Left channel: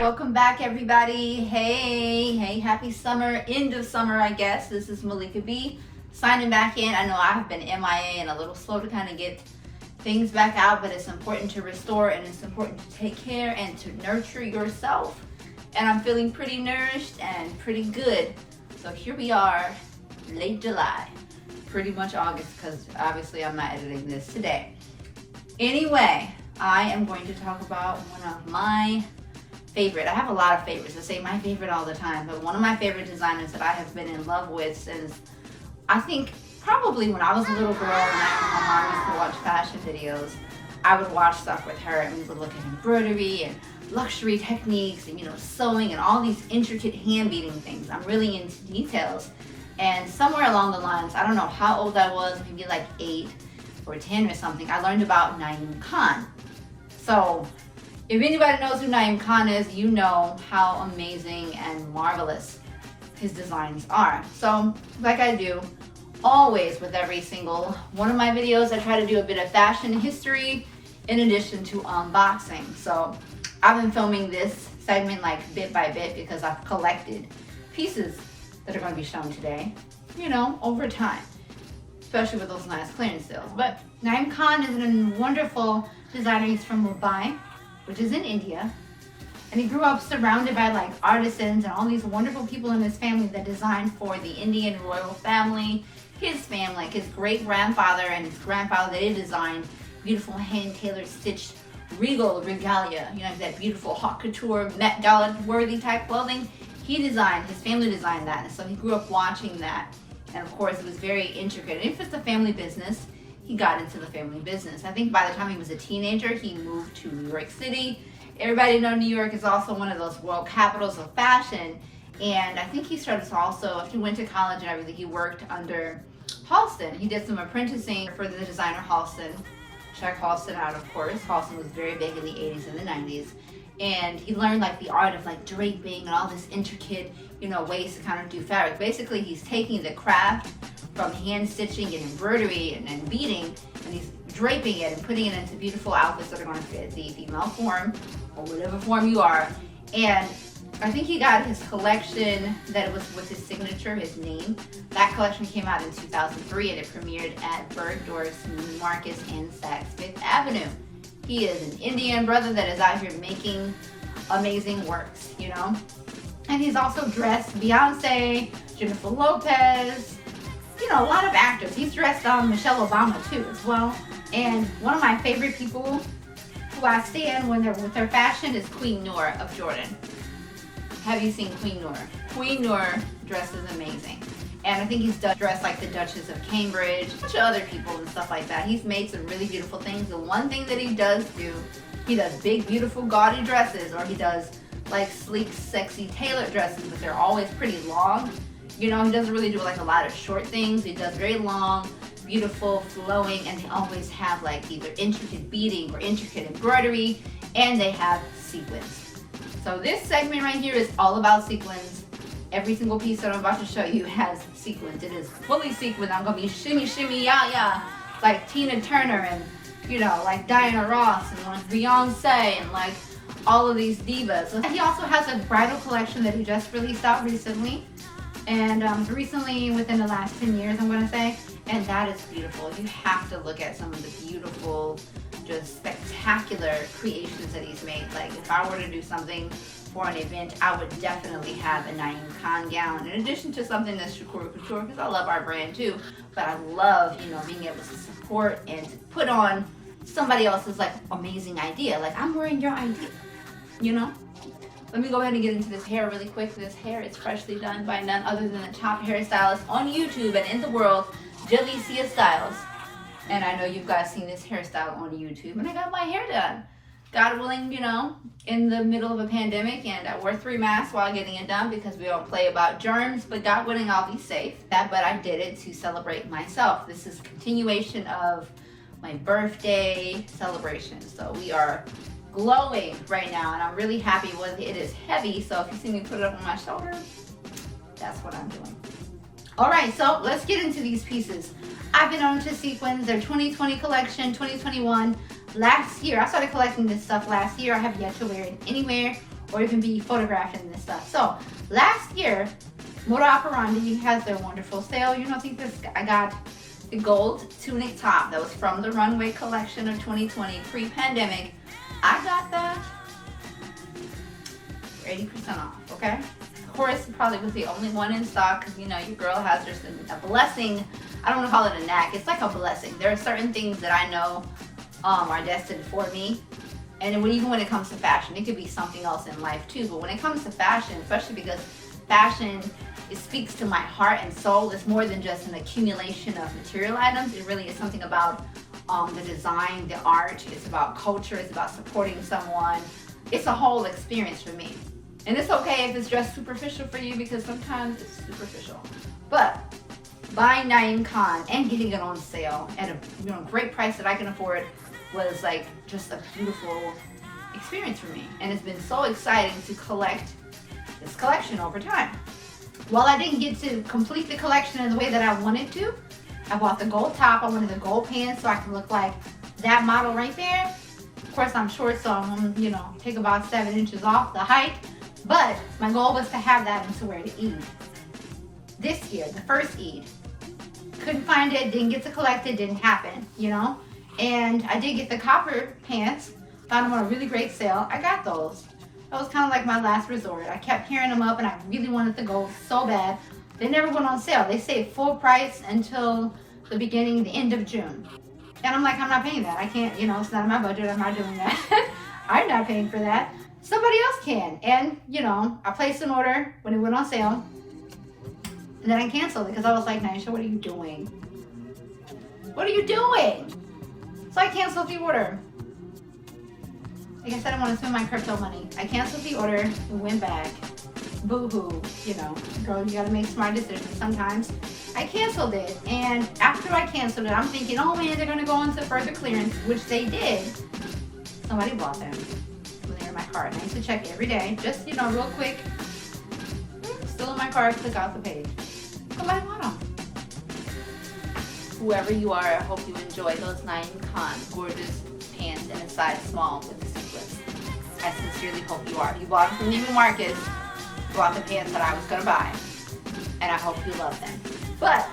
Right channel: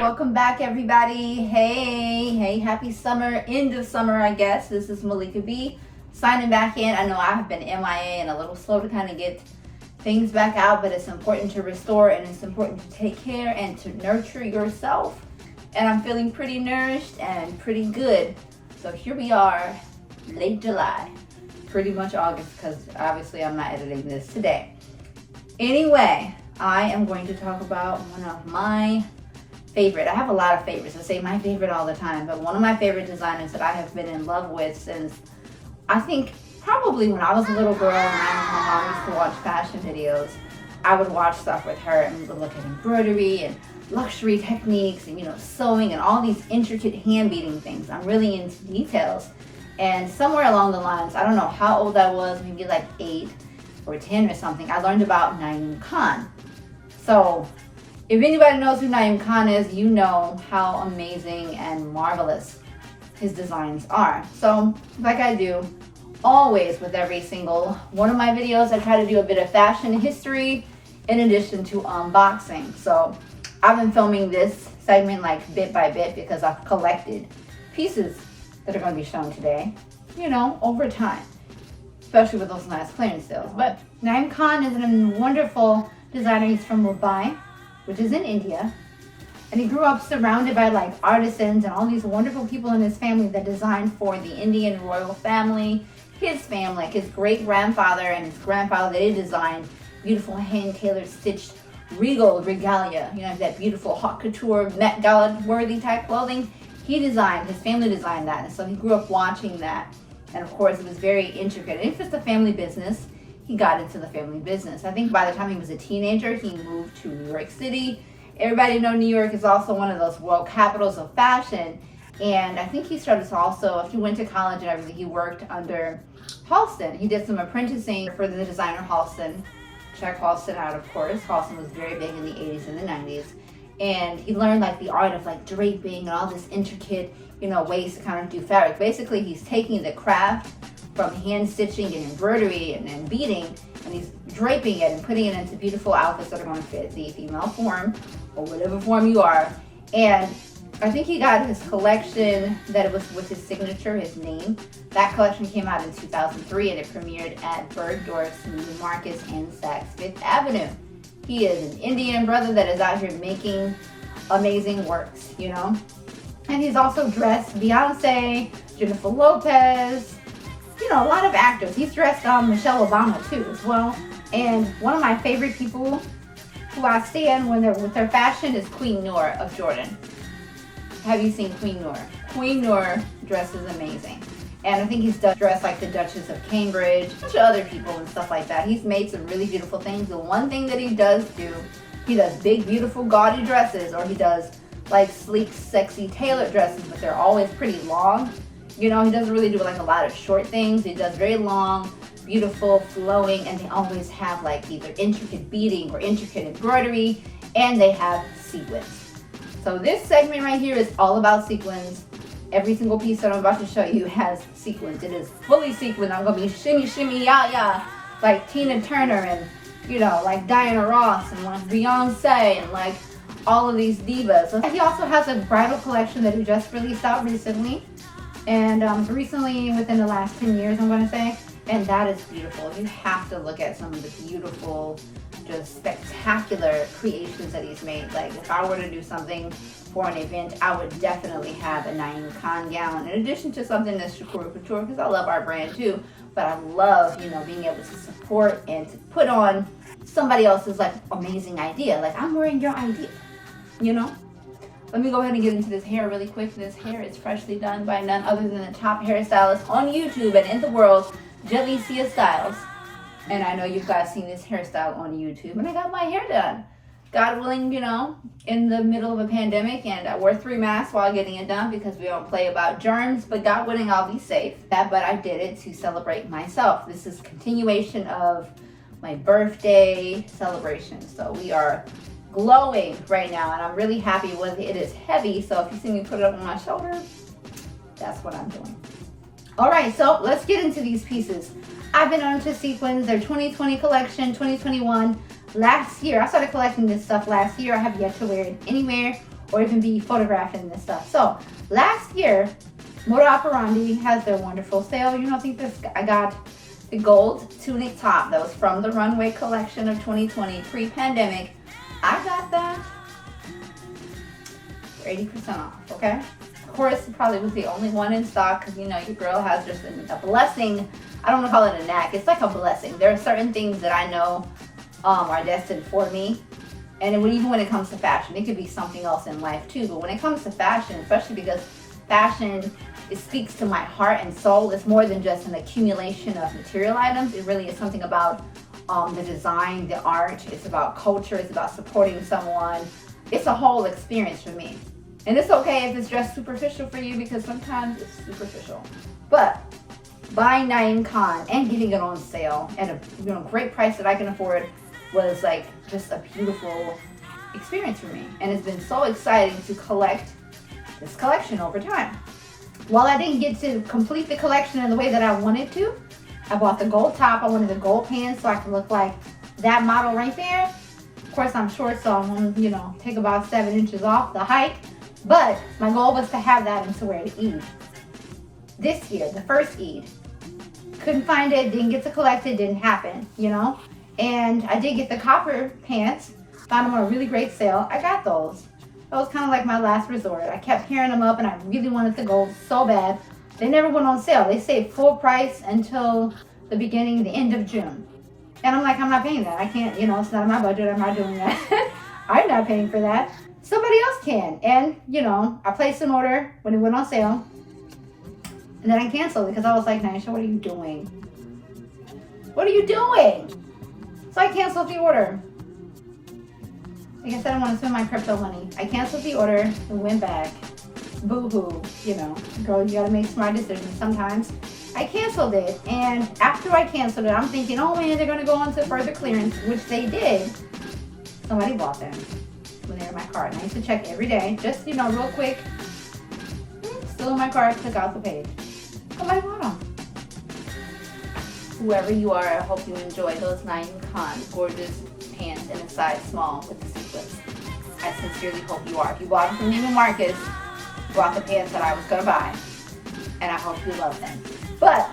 Welcome back, everybody. Hey, happy summer, end of summer, I guess. This is Malika B signing back in. I know I've been MIA and a little slow to kind of get things back out, but it's important to restore and it's important to take care and to nurture yourself. And I'm feeling pretty nourished and pretty good. So here we are, late July, pretty much August, because obviously I'm not editing this today. Anyway, I am going to talk about one of my favorite. I have a lot of favorites. I say my favorite all the time, but one of my favorite designers that I have been in love with since, I think, probably when I was a little girl and my mom used to watch fashion videos. I would watch stuff with her and we would look at embroidery and luxury techniques and, sewing and all these intricate hand beading things. I'm really into details. And somewhere along the lines, I don't know how old I was, maybe like 8 or 10 or something, I learned about Naeem Khan. So if anybody knows who Naeem Khan is, you know how amazing and marvelous his designs are. So like I do always with every single one of my videos, I try to do a bit of fashion history in addition to unboxing. So I've been filming this segment like bit by bit because I've collected pieces that are going to be shown today, over time, especially with those nice clearance sales. But Naeem Khan is a wonderful designer. He's from Mumbai, which is in India, and he grew up surrounded by like artisans and all these wonderful people in his family that designed for the Indian royal family, his family, like his great grandfather and his grandfather. They designed beautiful hand tailored stitched regal regalia, that beautiful haute couture Met Gala worthy type clothing. His family designed that, and so he grew up watching that, and of course it was very intricate. And if it's a family business, he got into the family business. I think by the time he was a teenager, he moved to New York City. Everybody know New York is also one of those world capitals of fashion. And I think he started to also, if he went to college and everything, he worked under Halston. He did some apprenticing for the designer Halston. Check Halston out, of course. Halston was very big in the 80s and the 90s. And he learned like the art of like draping and all this intricate, ways to kind of do fabric. Basically, he's taking the craft from hand stitching and embroidery and beading, and he's draping it and putting it into beautiful outfits that are going to fit the female form or whatever form you are. And I think he got his collection that was with his signature, his name. That collection came out in 2003 and it premiered at Bergdorf's Neiman Marcus and Saks Fifth Avenue. He is an Indian brother that is out here making amazing works, And he's also dressed Beyonce, Jennifer Lopez, a lot of actors. He's dressed Michelle Obama too as well. And one of my favorite people who I stand when they're with their fashion is Queen Noor of Jordan. Have you seen Queen Noor? Queen Noor dresses amazing. And I think he's dressed like the Duchess of Cambridge, a bunch of other people and stuff like that. He's made some really beautiful things. The one thing that he does do, he does big, beautiful, gaudy dresses, or he does like sleek, sexy, tailored dresses, but they're always pretty long. He doesn't really do like a lot of short things. He does very long, beautiful, flowing, and they always have like either intricate beading or intricate embroidery, and they have sequins. So this segment right here is all about sequins. Every single piece that I'm about to show you has sequins. It is fully sequined. I'm gonna be shimmy, shimmy, ya, like Tina Turner and, like Diana Ross and like Beyonce and like all of these divas. He also has a bridal collection that he just released out recently. And recently, within the last 10 years, I'm going to say, and that is beautiful. You have to look at some of the beautiful, just spectacular creations that he's made. Like if I were to do something for an event, I would definitely have a Naeem Khan gown, in addition to something that's couture, because I love our brand too. But I love, being able to support and to put on somebody else's like amazing idea. Like I'm wearing your idea, Let me go ahead and get into this hair really quick. This hair is freshly done by none other than the top hairstylist on YouTube and in the world, Jalicia Styles. And I know you guys seen this hairstyle on YouTube, and I got my hair done. God willing, in the middle of a pandemic, and I wore 3 masks while getting it done because we don't play about germs, but God willing, I'll be safe. But I did it to celebrate myself. This is continuation of my birthday celebration. So we are glowing right now, and I'm really happy with it. It is heavy, so if you see me put it up on my shoulder, that's what I'm doing. All right, so let's get into these pieces. I've been on to sequins, their 2020 collection, 2021. Last year, I started collecting this stuff last year. I have yet to wear it anywhere or even be photographed in this stuff. So last year, Moda Operandi has their wonderful sale. You know, I got the gold tunic top that was from the Runway collection of 2020 pre-pandemic. I got that for 80% off, okay? Of course, it probably was the only one in stock because, you know, your girl has just a blessing. I don't want to call it a knack. It's like a blessing. There are certain things that I know are destined for me. And even when it comes to fashion, it could be something else in life too. But when it comes to fashion, especially because fashion, it speaks to my heart and soul. It's more than just an accumulation of material items. It really is something about the design, the art. It's about culture. It's about supporting someone. It's a whole experience for me. And it's okay if it's just superficial for you because sometimes it's superficial. But buying Naeem Khan and getting it on sale at a great price that I can afford was like just a beautiful experience for me. And it's been so exciting to collect this collection over time. While I didn't get to complete the collection in the way that I wanted to, I bought the gold top. I wanted the gold pants so I could look like that model right there. Of course, I'm short, so I'm gonna, take about 7 inches off the height. But my goal was to have that and to wear to Eid. This year, the first Eid. Couldn't find it, didn't get to collect it, didn't happen, And I did get the copper pants, found them on a really great sale. I got those. That was kind of like my last resort. I kept carrying them up and I really wanted the gold so bad. They never went on sale. They stayed full price until the end of June. And I'm like, I'm not paying that. I can't, it's not in my budget. I'm not doing that. I'm not paying for that. Somebody else can. And, I placed an order when it went on sale. And then I canceled it because I was like, Naisha, what are you doing? What are you doing? So I canceled the order. Like I said, I want to spend my crypto money. I canceled the order and went back. Boo-hoo, girl, you gotta make smart decisions sometimes. I canceled it, and after I canceled it, I'm thinking, oh man, they're gonna go on to further clearance, which they did. Somebody bought them when they were in my cart. And I used to check every day, just, real quick. Still in my cart, click out the page. Somebody bought them. Whoever you are, I hope you enjoy those Naeem Khan gorgeous pants in a size small with the sequins. I sincerely hope you are. If you bought them from Neiman Marcus, you bought the pants that I was gonna buy, and I hope you love them. But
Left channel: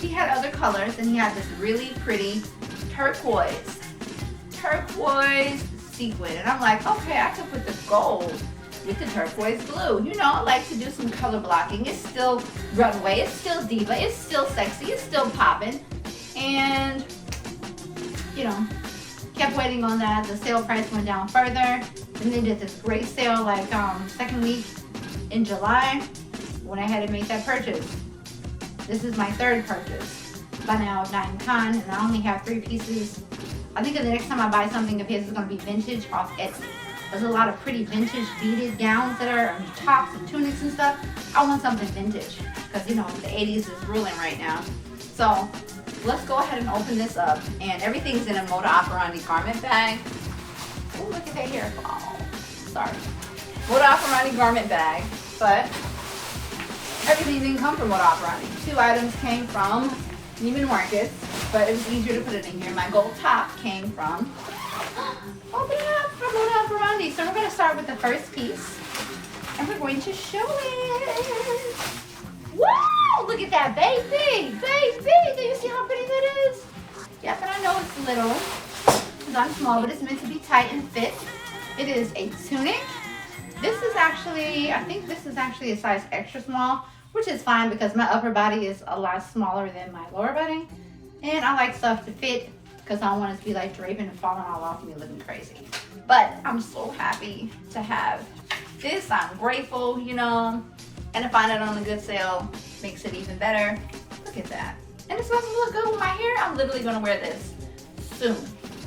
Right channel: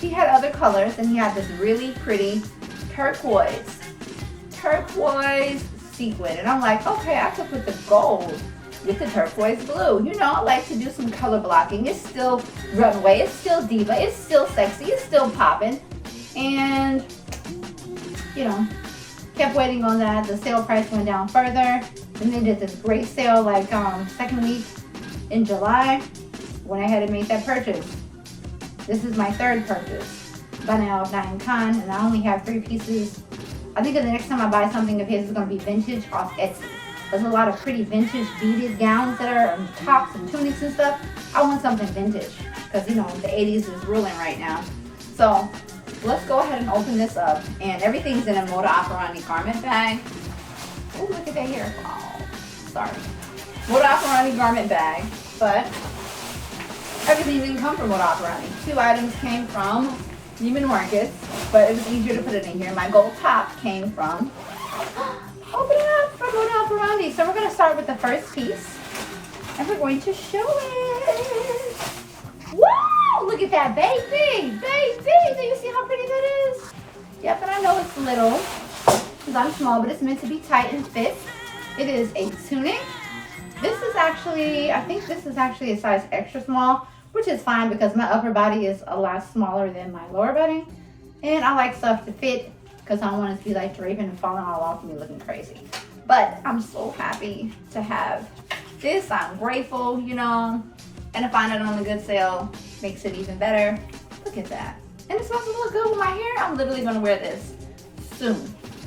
he had other colors, and he had this really pretty turquoise sequin, and I'm like, okay, I could put the gold with the turquoise blue. I like to do some color blocking. It's still Runway, it's still diva, it's still sexy, it's still popping, and kept waiting on that. The sale price went down further, and they did this great sale like second week in July. Went ahead and made that purchase. This is my third purchase by now of Naeem Khan, and I only have 3 pieces. I think the next time I buy something of his is going to be vintage off Etsy. There's a lot of pretty vintage beaded gowns that are tops and tunics and stuff. I want something vintage because the 80s is ruling right now. So let's go ahead and open this up, and everything's in a Moda Operandi garment bag. Oh, look at that hair. Oh, sorry. Moda Operandi garment bag, but everything didn't come from Moda Operandi. 2 items came from Neiman Marcus, but it was easier to put it in here. My gold top came from, open it up, from Moda Operandi. So we're going to start with the first piece, and we're going to show it. Wow, look at that, baby. Do you see how pretty that is? Yep, and I know it's little because I'm small, but it's meant to be tight and fit. It is a tunic. I think this is actually a size extra small, which is fine because my upper body is a lot smaller than my lower body. And I like stuff to fit because I don't want it to be like draping and falling all off me looking crazy. But I'm so happy to have this. I'm grateful, and to find it on a good sale makes it even better. Look at that. And it's supposed to look good with my hair. I'm literally gonna wear this soon.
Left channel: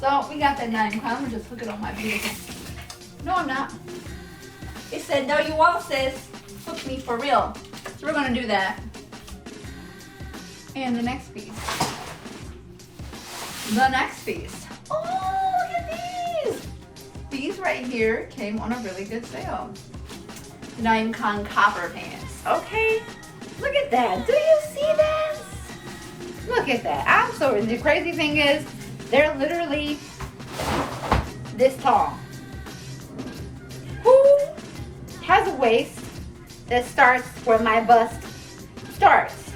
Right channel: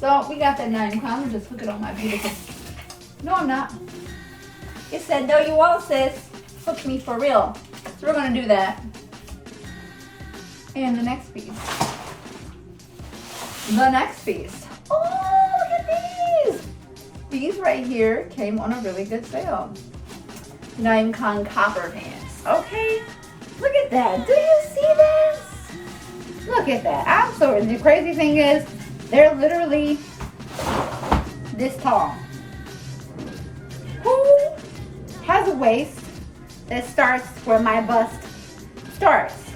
So we got that Naeem Khan. Let me just hook it on my beautiful. No, I'm not. It said, no, you won't, sis. Hook me for real. So we're gonna do that. And the next piece. Oh, look at these. These right here came on a really good sale. Naeem Khan copper pants. Okay, look at that. Do you see this? Look at that. The crazy thing is, they're literally this tall. Who has a waist that starts where my bust starts.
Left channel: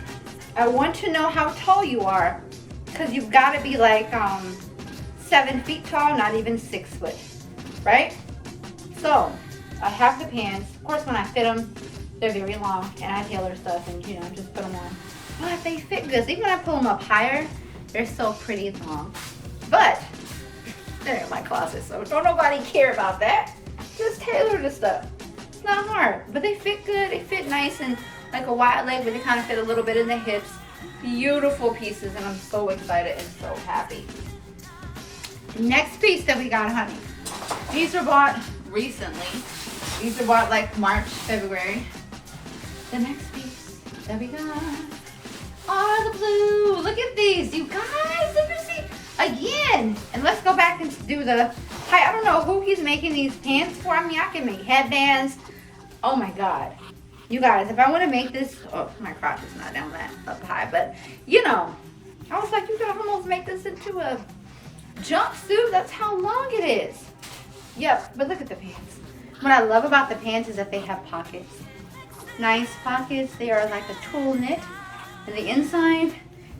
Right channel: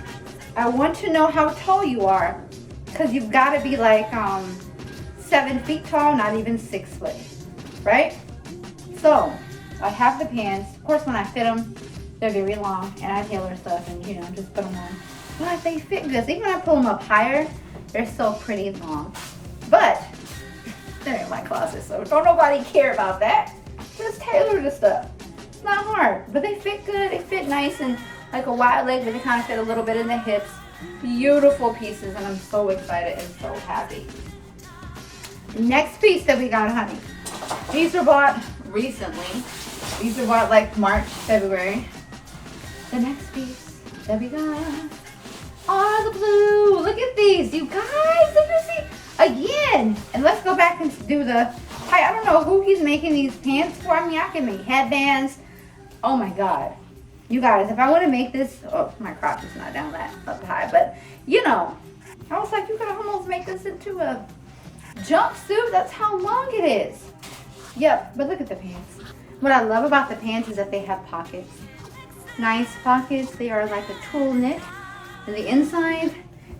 I want to know how tall you are, because you've got to be like 7 feet tall, not even 6 foot, right? So I have the pants. Of course, when I fit them, they're very long, and I tailor stuff and, you know, just put them on. But they fit good. Even when I pull them up higher, they're still pretty long. But they're in my closet, so don't nobody care about that. Just tailor the stuff. It's not hard, but they fit good. They fit nice and like a wide leg, but they kind of fit a little bit in the hips. Beautiful pieces, and I'm so excited and so happy. Next piece that we got, honey. These were bought recently. These were bought like March, February. The next piece that we got are the blue. Look at these, you guys. Did you see? Again. And let's go back and do the tie. I don't know who he's making these pants for. I mean, I can make headbands. Oh my God. You guys, if I want to make this, oh, my crotch is not down that up high, but you know, I was like, you could almost make this into a jumpsuit. That's how long it is. Yep, but look at the pants. What I love about the pants is that they have pockets. Nice pockets. They are like a tulle knit. And the inside,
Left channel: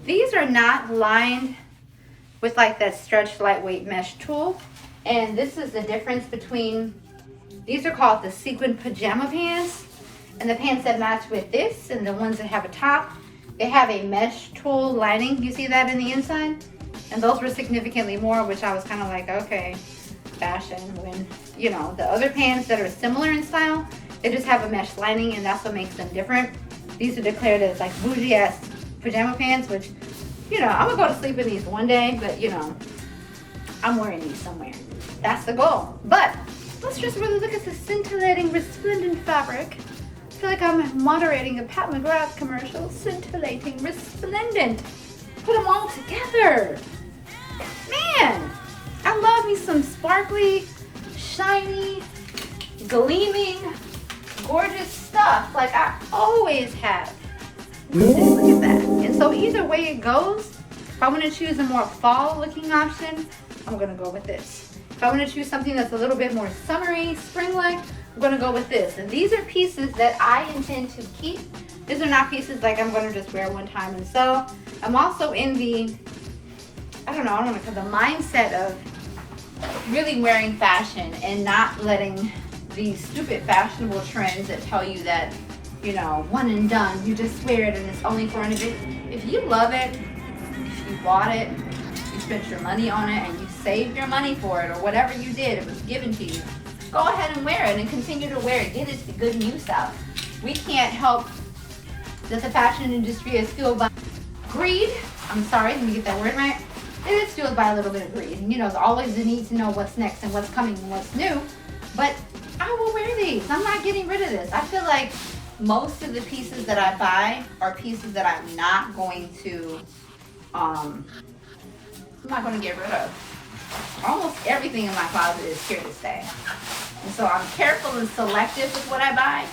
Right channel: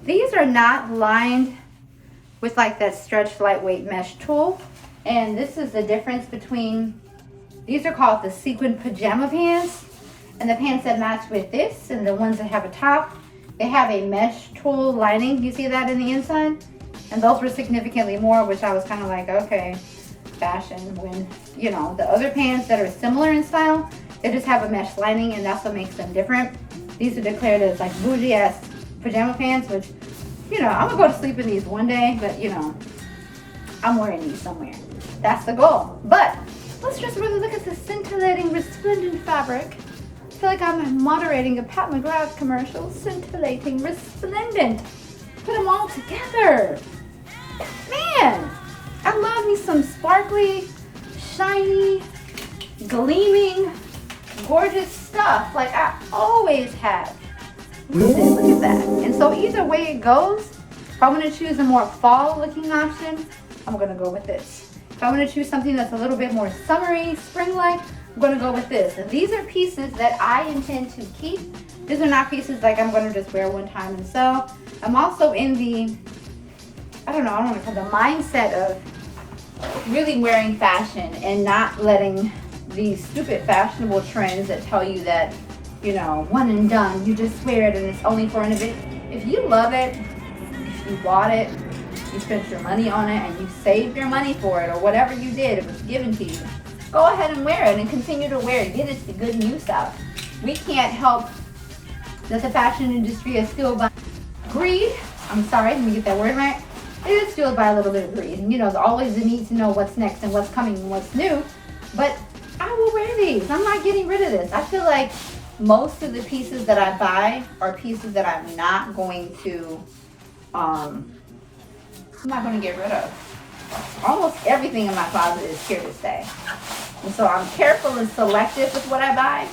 these are not lined with like that stretch lightweight mesh tulle. And this is the difference between, these are called the sequin pajama pants. And the pants that match with this and the ones that have a top, they have a mesh tulle lining. You see that in the inside? And those were significantly more, which I was kind of like, okay, fashion, when, you know, the other pants that are similar in style, they just have a mesh lining, and that's what makes them different. These are declared as like bougie ass pajama pants, which, you know, I'm gonna go to sleep in these one day, but you know, I'm wearing these somewhere. That's the goal. But let's just really look at the scintillating, resplendent fabric. I feel like I'm moderating a Pat McGrath commercial. Scintillating, resplendent. Put them all together. Man, I love me some sparkly, shiny, gleaming, gorgeous stuff like I always have. Look at that. And so either way it goes, if I want to choose a more fall looking option, I'm going to go with this. If I want to choose something that's a little bit more summery, spring-like, I'm going to go with this. And these are pieces that I intend to keep. These are not pieces like I'm going to just wear one time and sell. I'm also in the, I don't know, the mindset of really wearing fashion and not letting these stupid fashionable trends that tell you that, you know, one and done, you just wear it and it's only for an event. If you love it, if you bought it, you spent your money on it, and you saved your money for it, or whatever you did, it was given to you, go ahead and wear it and continue to wear it. Get it to good use out. We can't help that the fashion industry is fueled by greed. I'm sorry, let me get that word right. It is fueled by a little bit of greed. And you know, always the need to know what's next and what's coming and what's new. But I will wear these. I'm not getting rid of this. I feel like most of the pieces that I buy are pieces that I'm not going to get rid of. Almost everything in my closet is here to stay. And so I'm careful and selective with what I buy,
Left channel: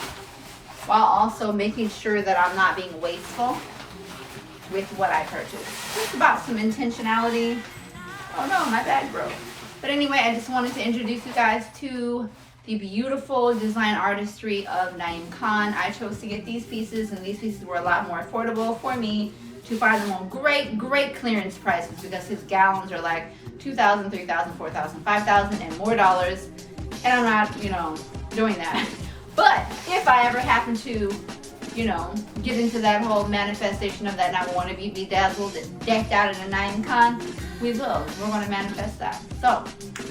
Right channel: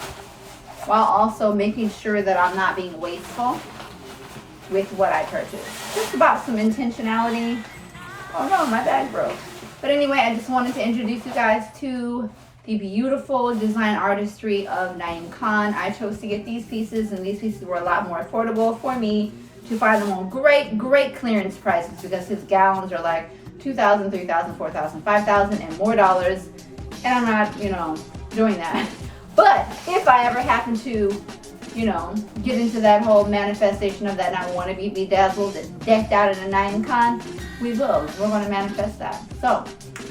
while also making sure that I'm not being wasteful with what I purchase. Just about some intentionality. Oh no, my bag broke. But anyway, I just wanted to introduce you guys to the beautiful design artistry of Naeem Khan. I chose to get these pieces, and these pieces were a lot more affordable for me to find them on great clearance prices, because his gowns are like $2,000, $3,000, $4,000, $5,000 and more dollars. And I'm not, you know, doing that. But if I ever happen to, you know, get into that whole manifestation of that, and I want to be bedazzled and decked out in a Naeem Khan, we will. We're going to manifest that. So,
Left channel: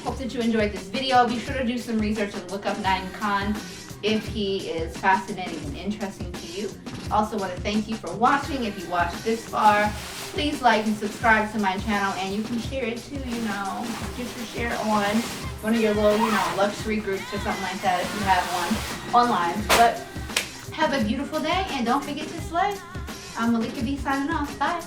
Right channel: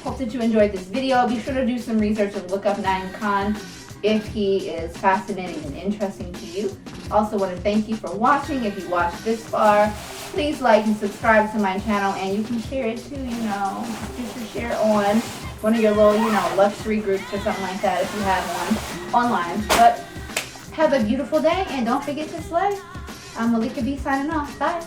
hope that you enjoyed this video. Be sure to do some research and look up Naeem Khan if he is fascinating and interesting to you. Also want to thank you for watching. If you watched this far, please like and subscribe to my channel, and you can share it too, you know, just to share on one of your little, you know, luxury groups or something like that if you have one online. But have a beautiful day, and don't forget to slay. I'm Malika B signing off. Bye.